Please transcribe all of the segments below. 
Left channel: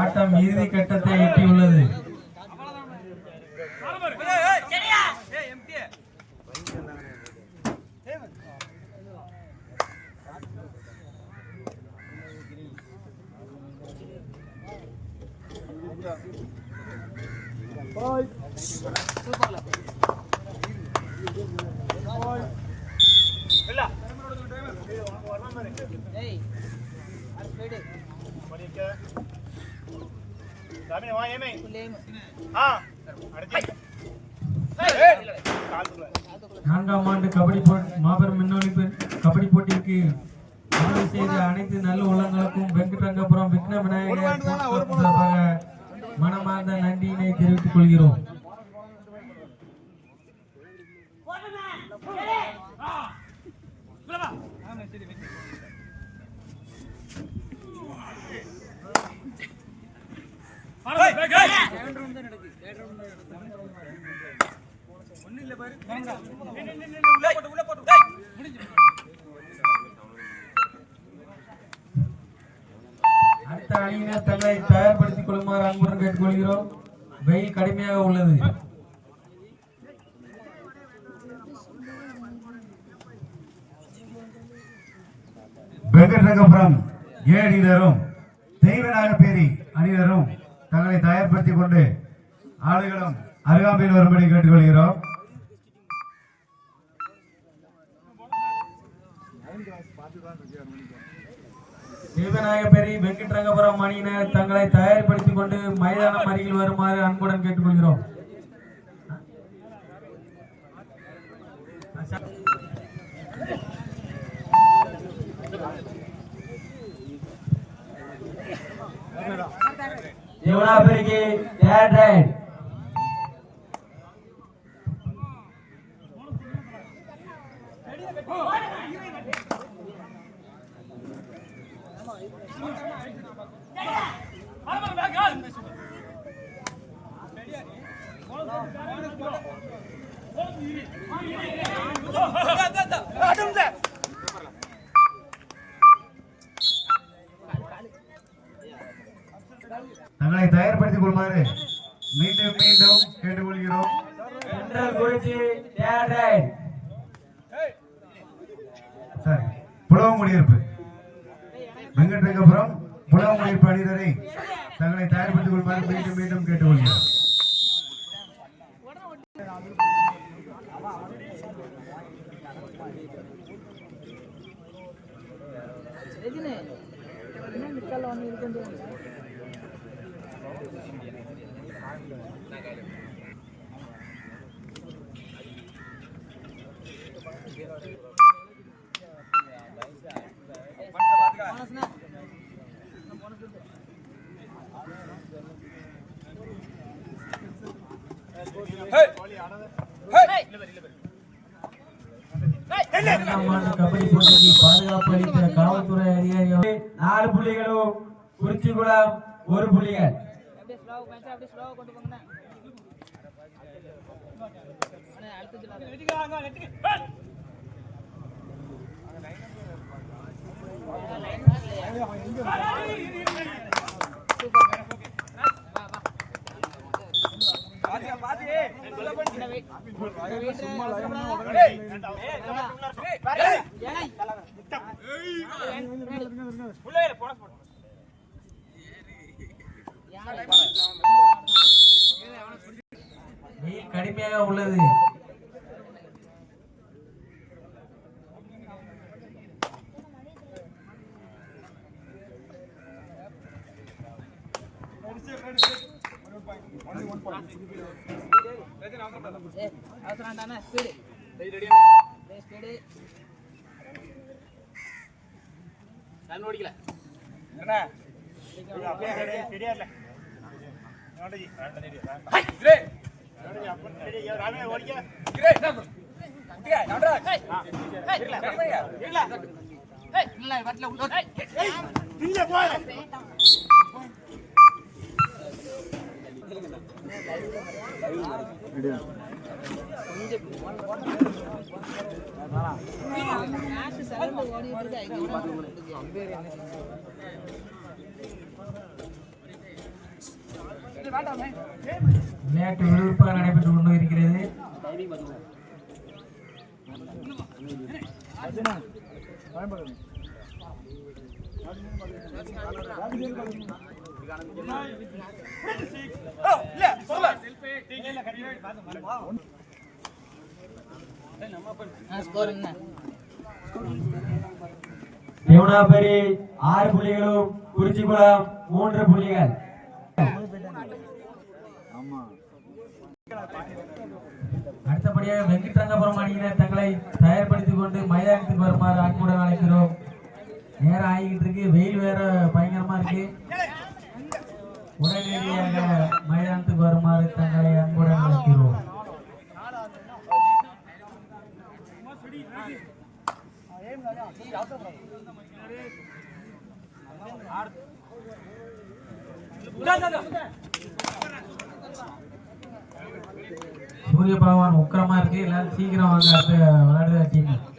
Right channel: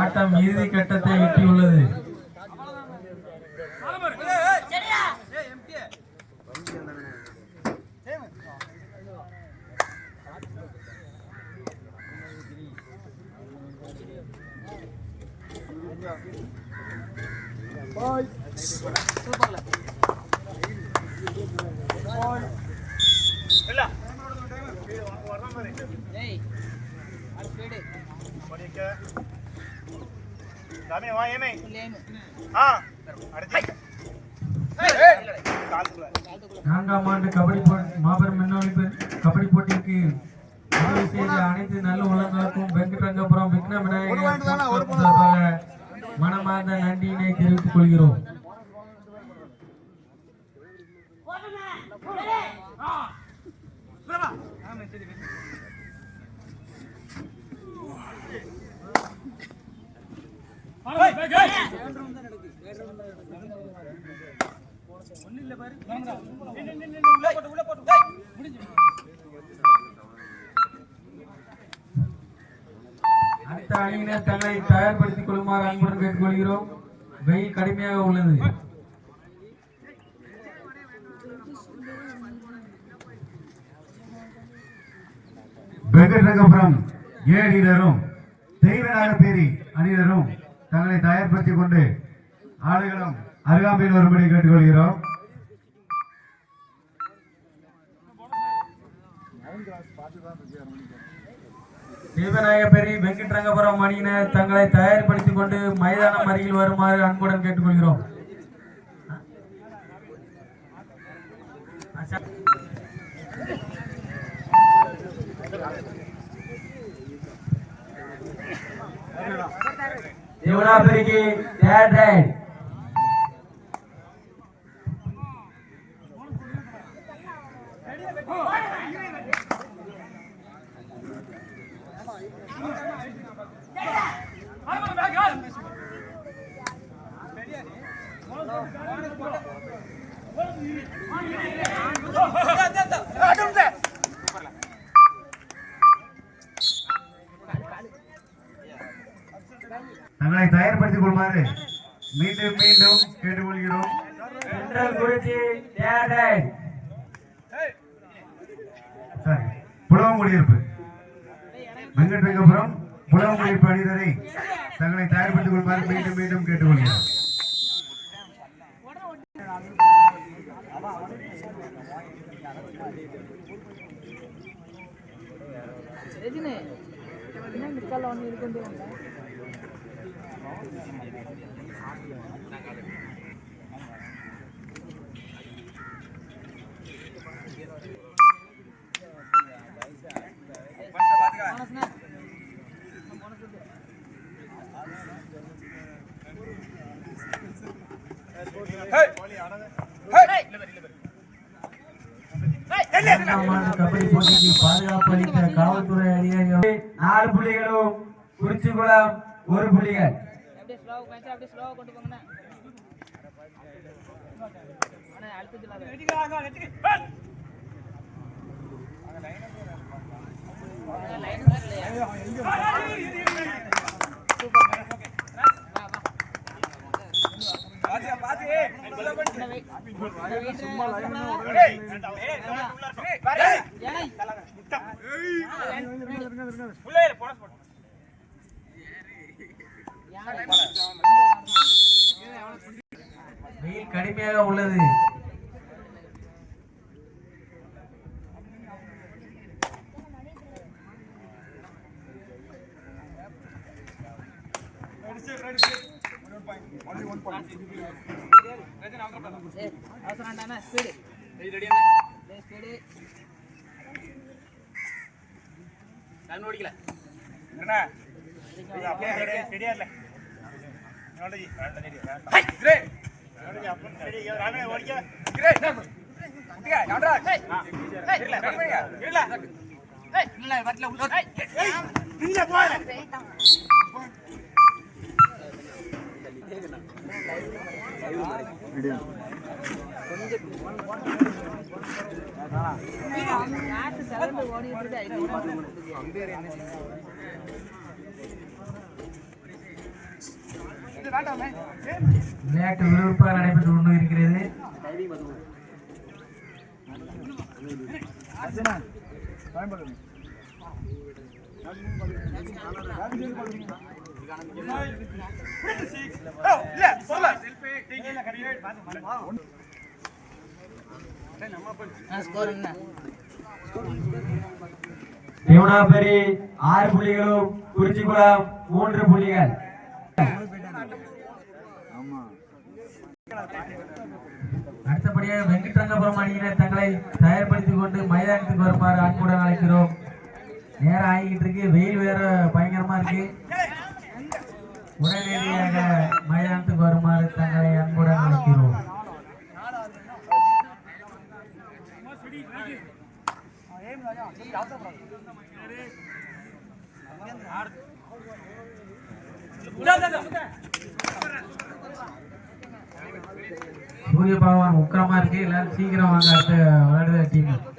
ஆட்டம் இறுதி கட்டத்தை எட்டியுள்ளது. நான்காம் ஆண்டு கபடி மாபெரும் முன்னொழிப்பு கபடி போட்டிக்கு ஆய்வு செய்த அனைத்து நல்ல உள்ளங்களுக்கும் வெங்கடரங்கபுரம் விக்ன விநாயகர் சார்பாக மனமார்ந்த நன்றியினை தெரிவித்துக் கொள்கிறோம். அடுத்த அணியினர் தங்களை தயார்படுத்திக் கொள்ளுமாறு அன்புடன் கேட்டுக்கொள்கிறோம் வெயில் கடுமையாக உள்ளது வெங்கட் ரங்கபுரம் ஏ அணியினரும் தெய்வநாயக பேரி அணியினரும் தங்களை தயார்படுத்திக் கொண்டு ஆடுகளும் அருகாமையில் வரும்படி கேட்டுக்கொள்கிறோம். தேவநாயகபேரி வெங்கட்ரங்கபுரம் அணியினர் தங்களை தயார்படுத்திக் கொண்டு மைதானம் அருகில் வருமாறு அன்புடன் கேட்டுக்கொள்கிறோம். தேவனாபேரிக்கு தேர்ட் ரைட். தங்களை தயார்படுத்திக் கொள்ளுமாறு மீண்டும் மீண்டும் கேட்டுக்கொள்கிறோம். புலவங்குடியிருப்பு. வெங்கடரங்கபுரம் புலவங்குடியிருப்பு அணிதரை தங்களை தயார்படுத்திக் கொள்ளுமாறு மீண்டும் மீண்டும் கேட்டுக்கொள்கிறோம். இரண்டாம் ஆண்டு கபடி போட்டிக்கு பாதுகாப்பு அளித்த காவல்துறை அதிகாரிகள் நாலு புள்ளிகளும் குறிச்சிக்குளம் ஒரு அப்படியே ஸ்லோவா கொஞ்சம் அப்படியே ஸ்லோவா வெயில் கடுமையாக உள்ளது அவசரம் வேண்டாண்ணா ஸ்பீடு ஸ்பீடு இல்ல வட்டில விளையாட்டு விறுவிறுப்பாக நடைபெற்று கொண்டு இருக்கிறது. ஸ்கோர் தேவனாபரி ஆறு புள்ளிகளும் குறிச்சிக்குளம் மூன்று புள்ளிகள். அடுத்தபடியாக வெங்கட்ரங்கபுரம் அணியினர் தங்களை தயார்படுத்திக் கொண்டு மைதானத்துக்கு வருமாறு அன்புடன் அழைக்கிறோம். நேரம் ஆகிக்கிட்டு இருக்கு. வெயில் வேற பயங்கரமா இருக்கு. உடனடியாக மைதானத்துக்கு வருமாறு தங்களை அன்புடன் அழைக்கிறோம் சூரிய பகவான் உக்கிரமா இருக்கு எல்லாரும் சீக்கிரம் வாங்க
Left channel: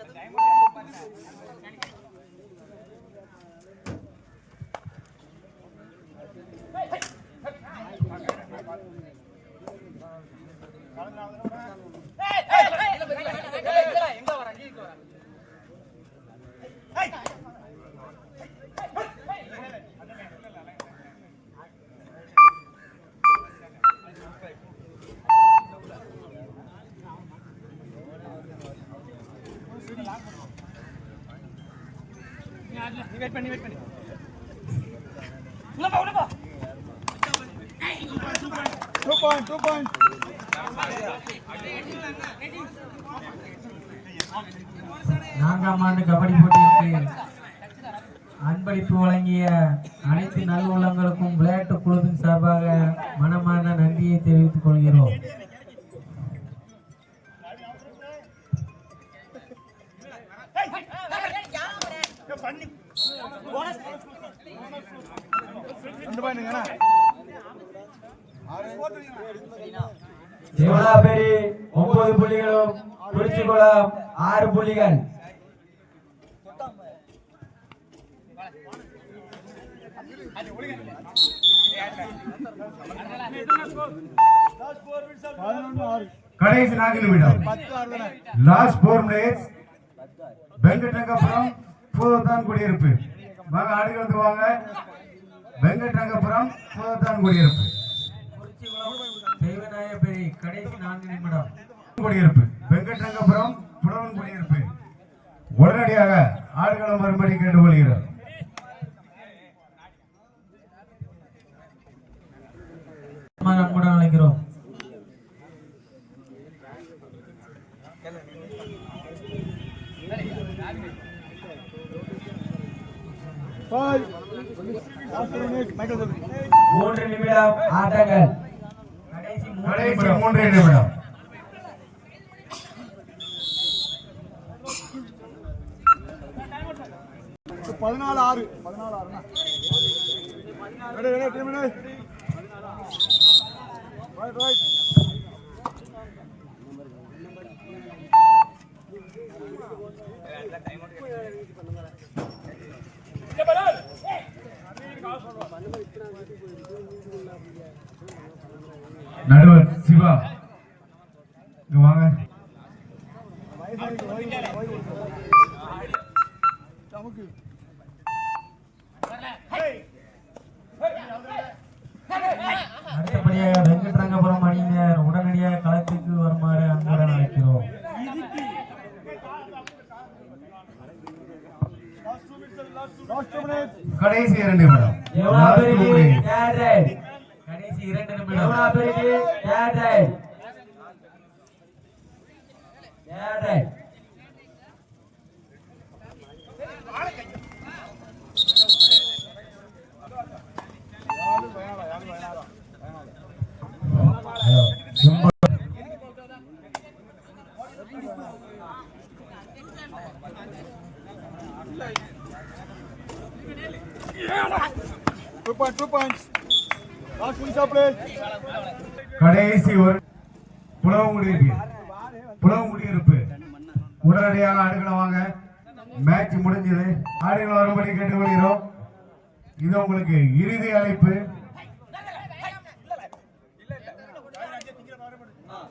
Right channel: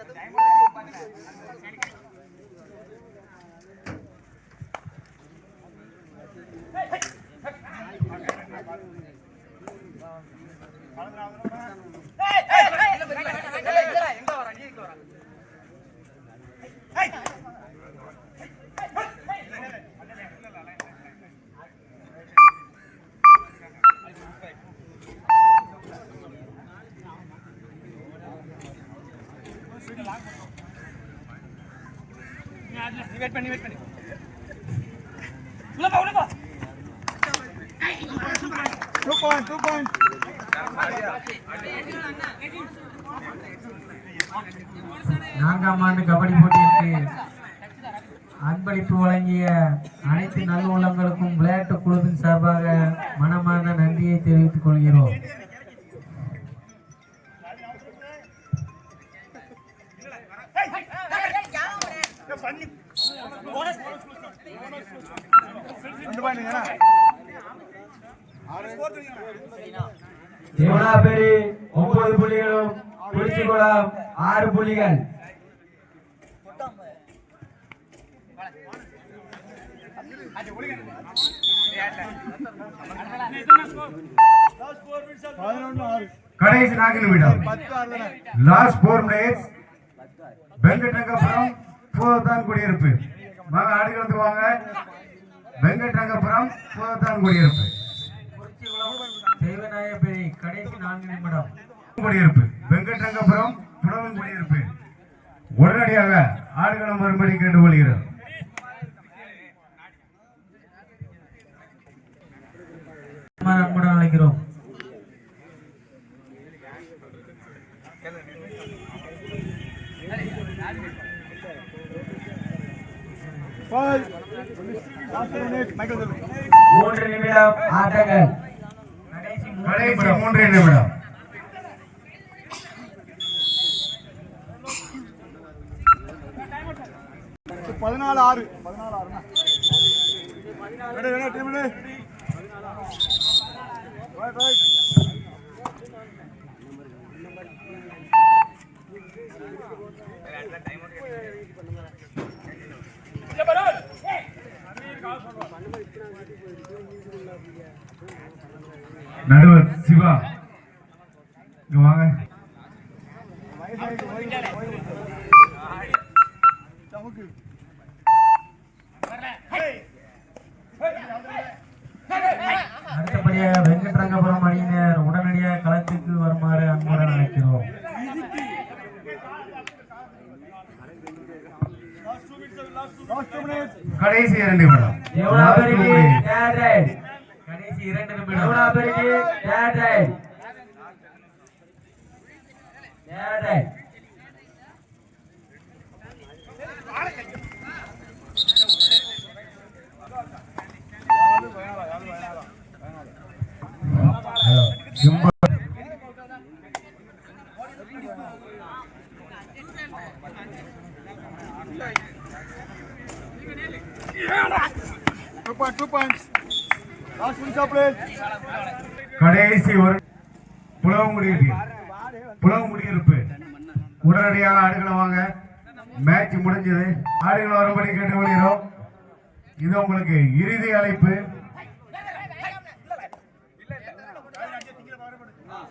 அடுத்த விளையாடுற டீம் நான்காம் ஆண்டு கபடி போட்டிக்கு அன்பளிப்பு வழங்கிய அனைத்து நல்ல உள்ளங்களுக்கும் விளையாட்டு குழுவின் சார்பாக மனமான நன்றியை தெரிவித்துக் கொள்கிறோம். தேவனாபேரி ஒன்பது புள்ளிகளும் குறிச்சிக்குளம் ஆறு புள்ளிகள். கடைசி நான்கு நிமிடம் last four minutes Venkatarangapuram Boothathan Kudiyiruppu. வாங்க ஆடுகளத்துக்கு வாங்க. வெங்கடரங்கபுரம் பூதத்தான் குடியிருப்பு. தேவநாயகபேரி கடைசி நான்கு நிமிடம். குடியிருப்பு. வெங்கடரங்கபுரம் புலவன் குடியிருப்பு. உடனடியாக ஆடுகளம் வரும்படி கேட்டுக்கொள்கிறோம். அன்புடன் அழைக்கிறோம். மூன்று நிமிடம் ஆட்டங்கள். கடைசி மூன்று நிமிடம். பதினாலு ஆறு. பதினாலு ஆறுண்ணா ரெடி டீம் ரைட் ரைட் நடுவர் சிவா. இங்க வாங்க. அடுத்தபடியாக வெங்கட்ரங்கபுரம் அணியினர் உடனடியாக களத்துக்கு வருமாறு அன்புடன் அழைக்கிறோம் கடைசி இரண்டு நிமிடம். தேவனாபேரிக்கு ரைட். கடைசி இரண்டு நிமிடம் தேவனாபேரிக்கு தேர்ட் ரைட். புலவம் முடியிருப்பு உடனடியாக ஆடுகளை வாங்க. மேட்ச் முடிஞ்சது. ஆடுகளை வரும்படி கேட்டுக்கொள்கிறோம். இது உங்களுக்கு இறுதி அழைப்பு. ஆ.